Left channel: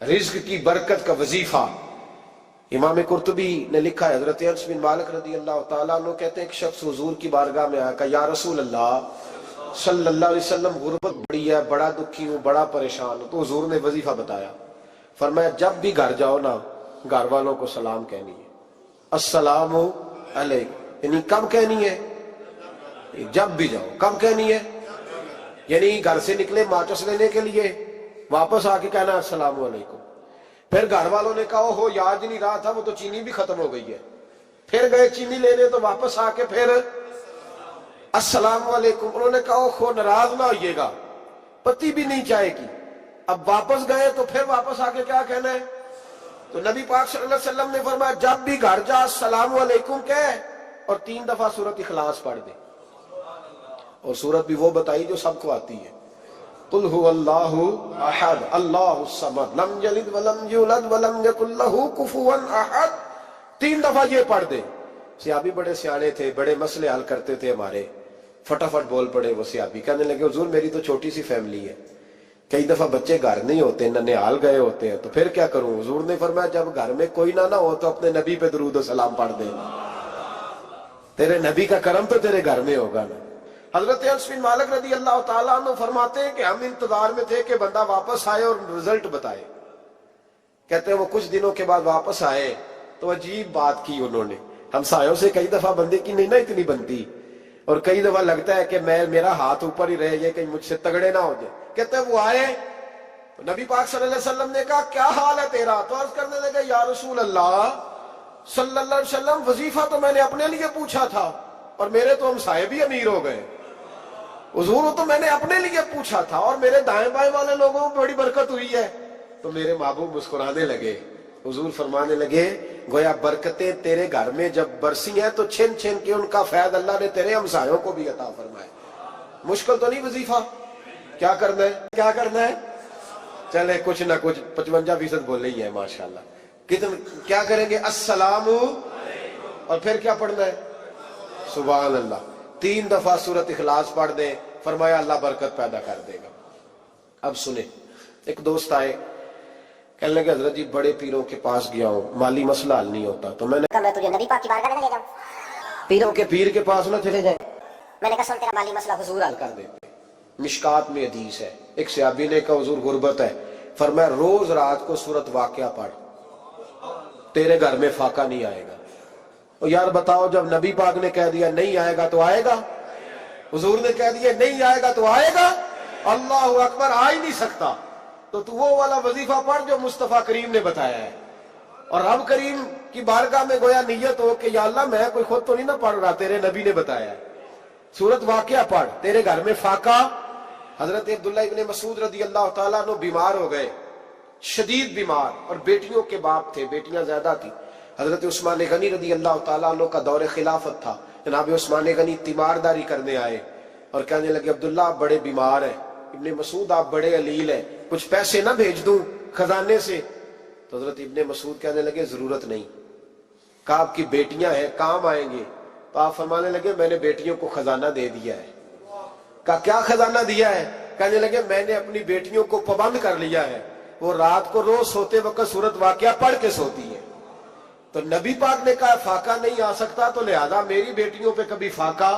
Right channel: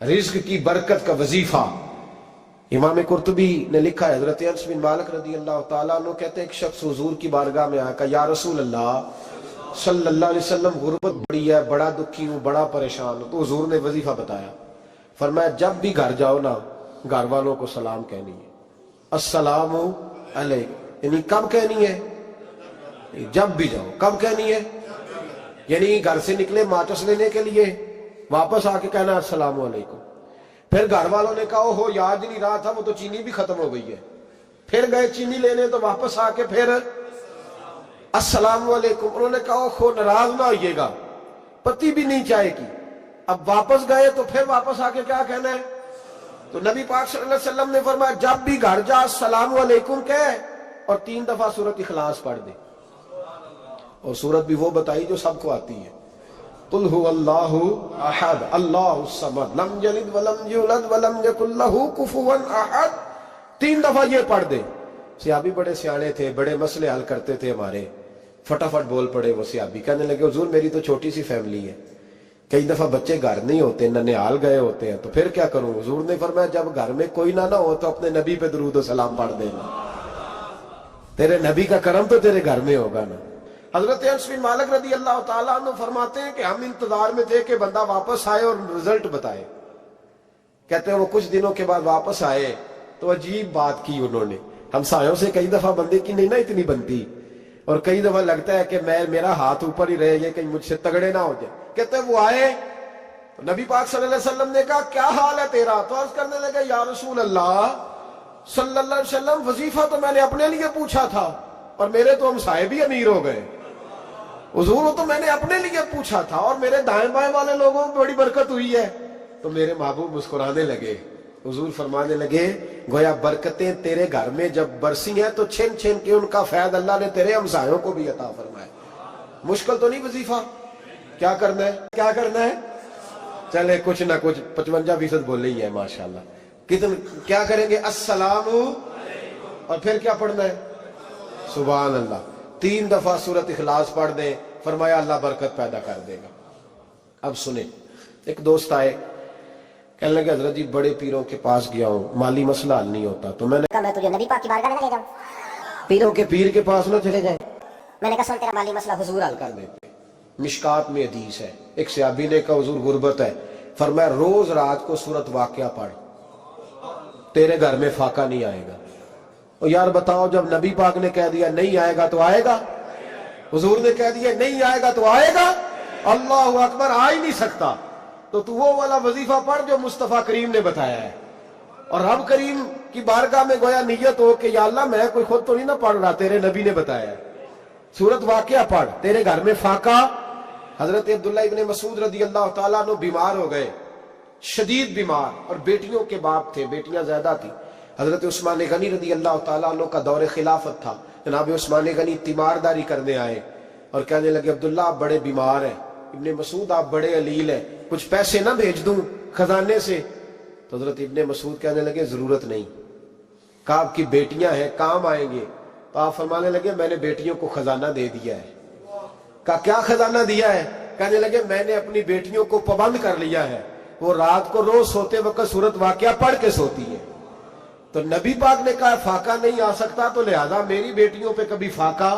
رزق کی برکت کا وظیفہ امام قرطبی نے لکھا ہے، حضرت انس بن مالک رضی اللہ تعالیٰ عنہ کہتے ہیں ایک شخص حضور کی بارگاہ میں آیا، کہا یا رسول اللہ صلی اللہ علیہ وسلم غربت بڑی ہے، بڑا دکھی ہوں، بڑا پریشان ہوں۔ تو حضور نے وظیفہ بتایا، فرمایا جب بھی گھر جاؤ نا گھر والوں کو سلام کہنی ہے، السلام علیکم، یعنی کب کہنی ہے؟ جب بھی جاؤ۔ کب کہنی ہے؟ یعنی گھر سے نکلے ماچس لینے کے لیے، واپس آ کے کہنا السلام علیکم۔ پھر گھر والوں نے کہا ہو یاد نہیں رہا تھا، وہ تو چینی بھی ختم ہو گئی ہے، پھر گئے چینی لینے تو واپس آ کے پھر السلام علیکم۔ انہوں نے کہا خو ناراض نہ ہوئیے گا، پتی بھی نہیں چائے کی۔ اب واپس گئے تو پھر واپس آ کے کیا کہنا ہے؟ تو نبی پاک صلی اللہ علیہ وسلم نے فرمایا جب بھی گھر جا السلام علیکم کہے اور 3 دفعہ سورۃ اخلاص پڑھ دے، اور سورت بھی وہ بتائی جو سب کو آتی ہے، قل هو اللہ احد اللہ الصمد لم یلد ولم یولد ولم یکن لہ کفوا احد۔ 3 دفعہ یہ پڑھ دے۔ صحابی بڑے سیانے تھے، بڑے مسئلے حل کرتے تھے ہمارے، فٹافٹ بول پڑے وہ صحابی، کہنے لگے حضور میری تو چھوٹی سی فیملی ہے، کئی دفعہ بچے گھر نہیں ہوتے، ننھیال گئے ہوتے ہیں، تو پھر کیا کروں؟ حضور نے فرمایا جب گھر میں کوئی نہ ہو تو اپنے نبی پہ درود و سلام پڑھ دینا، تیرے نبی کا کرم تو تیرے گھر میں ہوگا نا۔ حضرت انس بن مالک رضی اللہ تعالیٰ عنہ فرماتے ہیں کہ ہم انتظار میں تھے کہ بندہ واپس آئے اور رزلٹ بتائے۔ کہتے ہیں وہ کچھ دنوں کے بعد واپس آئے تو عجیب بات کی انہوں نے۔ ہمسایوں سے کئی دفعہ بندے کی نہیں نا اتنی بنتی، اور کئی دفعہ لگتا ہے کہ میرا ہاتھ اوپر ہی رہے، یہ کہیں مجھ سے تگڑے نہ ہو جائے۔ کہتے ہیں وہ آئے تو نبی پاک صلی اللہ علیہ وسلم نے کہا کیا حال ہے تیرا؟ تو عرض کرنے لگے یا رسول اللہ صلی اللہ علیہ وسلم وظیفہ تو میں نے اپنے لیے پوچھا تھا اور میرے تو ہمسائے بھی امیر ہو گئے، حضور وہ تو میں نے اپنے لیے پوچھا تھا اور میرے دائیں بائیں والے لوگوں کو بڑی برکت ہوئی ہے۔ تو میرے محبوب مسکرانے لگے، حضور فرمانے لگے گویا برکتیں تیرے گھر میں جب برسی ہیں تو چھن چھن کے ان کا فیض اللہ نے تیرے ہمسایوں کو بھی عطا فرمایا۔ مشکل تو نہیں وظیفہ؟ کیا کرنا ہے؟ کیا کرنا ہے؟ چلے کچھ نہ کچھ 55% بولے ہی ہے ماشاءاللہ۔ کیا کریں گے؟ السلام، اور پھر کیا پڑھنا ہے؟ سبحان اللہ۔ 3 دفعہ سورۃ اخلاص پڑھ دیں، فرمایا اللہ برکت پیدا کر دے گا۔ اب سنیں، ایک دوست آئے، کہنے لگے حضرت جی بڑے پیروں کے پاس گیا ہوں، مالی مسئلہ حل نہیں ہوتا، تو میں نے کہا میں تجھے نبی پاک کی بارگاہ میں لے جاؤں؟ پیروں کے پیر کے پاس نہ چلے جائیں، میں نے کہا سن تیرا مالی مسئلہ حضور حل کر دیتے۔ مشکات میں حدیث ہے، ایک صحابی نے کہا حضور غربت ہے، فرمایا روز رات کو سورۃ واقعہ پڑھ، تیرے گھر میں فاقہ نہیں آئے گا۔ اور یار بتاؤ جب نبی پاک نے کہہ دیا نہیں آئے گا تو آئے گا، حضور نے کہہ دیا نہیں آئے گا تو آئے گا، اللہ اکبر، آ ہی نہیں سکتا۔ تو وہ والا وظیفہ پڑھ جو مصطفیٰ کریم نے بتایا ہے، اور رب کریم کی بارگاہ میں گویا نیت ہو کہ یا اللہ میں کوئی خود تو نہیں نہ پڑھ رہا، تیرے نبی نے بتایا ہے، سورۃ واقعہ پڑھ، تیرے گھر میں فاقہ۔ حضرت عبداللہ ابن مسعود رضی اللہ تعالیٰ عنہ بیمار ہو گئے، شدید بیمار، اور بیٹیوں کے باپ تھے، بیٹیاں زیادہ تھیں۔ حضرت عثمان غنی رضی اللہ تعالیٰ عنہ کا دور خلافت تھا، جناب عثمان غنی تیمارداری کرنے آئے اور کہنے لگے عبداللہ آپ بڑے بیمار ہیں، ابن مسعود آپ بڑے علیل ہیں، کچھ پیسے نہ بھیج دوں خزانے سے؟ تو حضرت ابن مسعود کہنے لگے ضرورت نہیں، کہا آپ کی بیٹیاں ہیں کام آئیں گے۔ تو آپ فرمانے لگے میں نے بیٹیوں کو خزانہ دے دیا ہے۔ کہا کیا خزانہ دیا ہے؟ کہنے لگے میں نے اپنی بیٹیوں کو پابند کر لیا ہے، وہ رات کو روز سوتے وقت سورۃ واقعہ پڑھ کے سوتی ہے۔ تو نبی پاک نے کہا فاقہ نہیں آ سکتا، تو لہذا میری بیٹیوں پہ کبھی فاقہ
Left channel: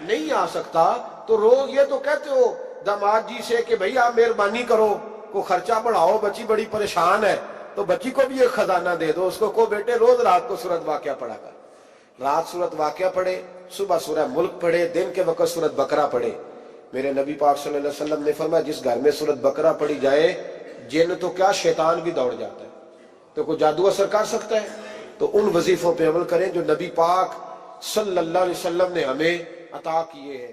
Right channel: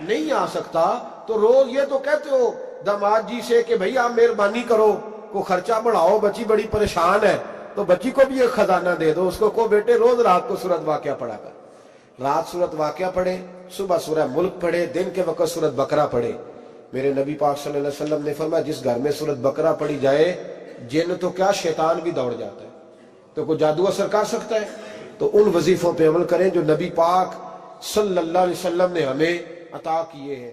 نہیں آ سکتا۔ تو روز یہ تو کہتے ہو داماد جی سے کہ بھئی آپ مہربانی کرو، کو خرچہ بڑھاؤ، بچی بڑی پریشان ہے، تو بچی کو بھی ایک خزانہ دے دو، اس کو بیٹے روز رات کو سورۃ واقعہ پڑھا کر، رات سورۃ واقعہ پڑھے، صبح سورہ ملک پڑھے، دن کے وقت سورۃ بقرہ پڑھے۔ میرے نبی پاک صلی اللہ علیہ وسلم نے فرمایا جس گھر میں سورۃ بقرہ پڑھی جائے جن تو کیا شیطان بھی دوڑ جاتا ہے، تو کوئی جادو اثر کر سکتا ہے؟ تو ان وظیفوں پہ عمل کریں جو نبی پاک صلی اللہ علیہ وسلم نے ہمیں عطا کیے ہیں۔